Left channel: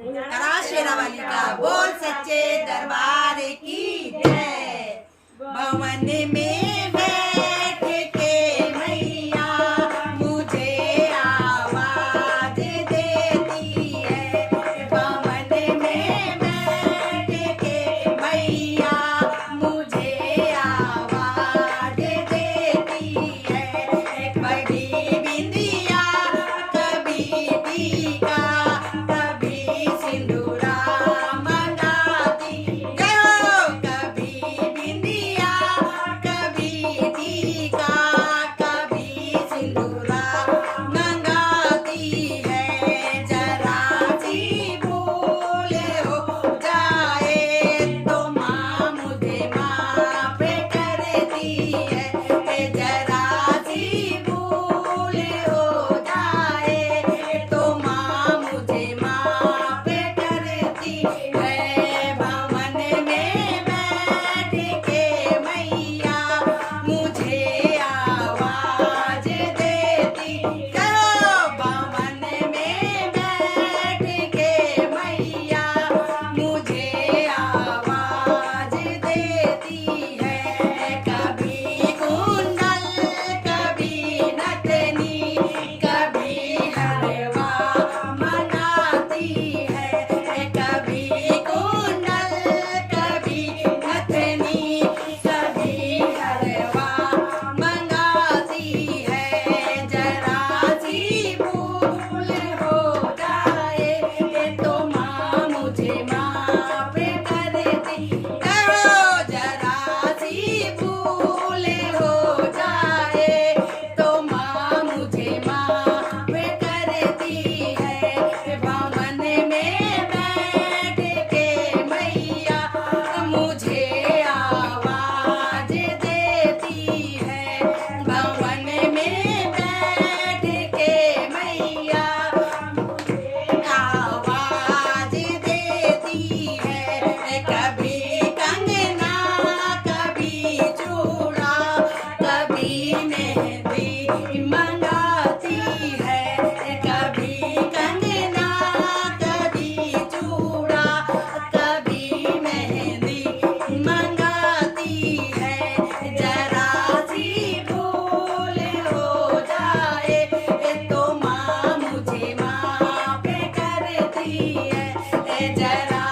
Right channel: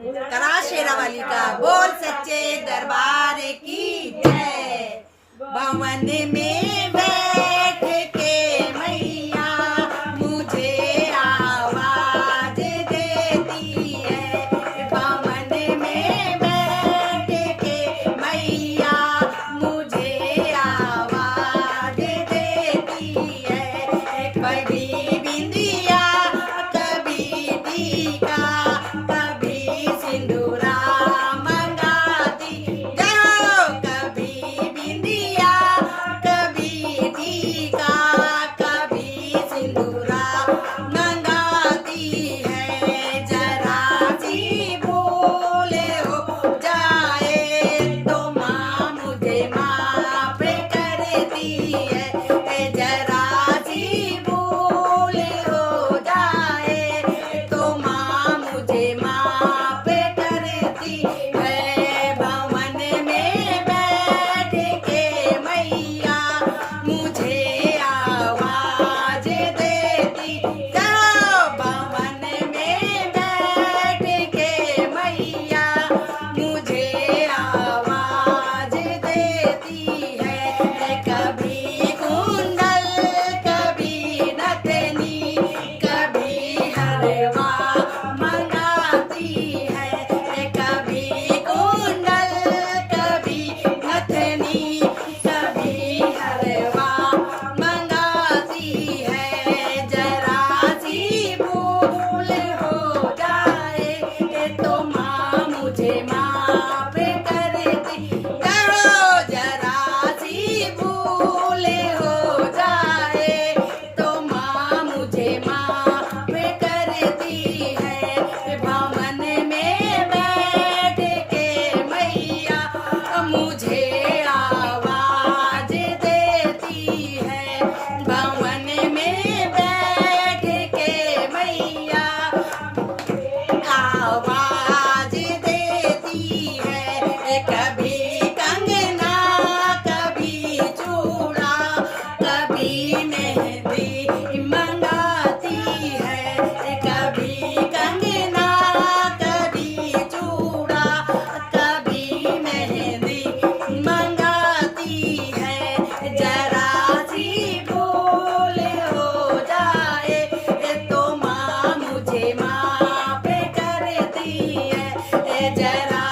करा शेरावाली का बोल सच्चे दरबार की जय। भवन में बैठ के मैया मुझे आवाज देती है। भवन में बैठ के मैया मुझे आवाज देती है। कभी बिंदिया कभी टीका कभी सिंदूरा मंगाती। जय हो। कभी बिंदिया कभी टीका कभी सिंदूरा मंगाती है। जरा सी भूल हो जाए तो माँ मुझे माफ करती है। जरा सी भूल हो जाए तो माँ मुझे माफ करती है। भवन में बैठ के मैया मुझे आवाज देती। चलो। भवन में बैठ के मैया मुझे आवाज देती है। कभी कुंडल कभी नथनी कभी हलवा मंगाती है। कभी कुंडल कभी नथनी कभी हलवा मंगाती है। जरा सी भूल हो जाए तो माँ मुझे माफ करती। करो। जरा सी भूल हो जाए तो माँ मुझे माफ करती है। भवन में बैठ के मैया मुझे आवाज देती है। भवन में बैठ के मैया आवाज देती है। कभी कंगना कभी चूड़ा कभी मेहंदी मंगाती है। कभी कंगना कभी चूड़ा कभी मेहंदी मंगाती है। जरा सी भूल हो जाए तो माँ मुझे माफ करती है। जरा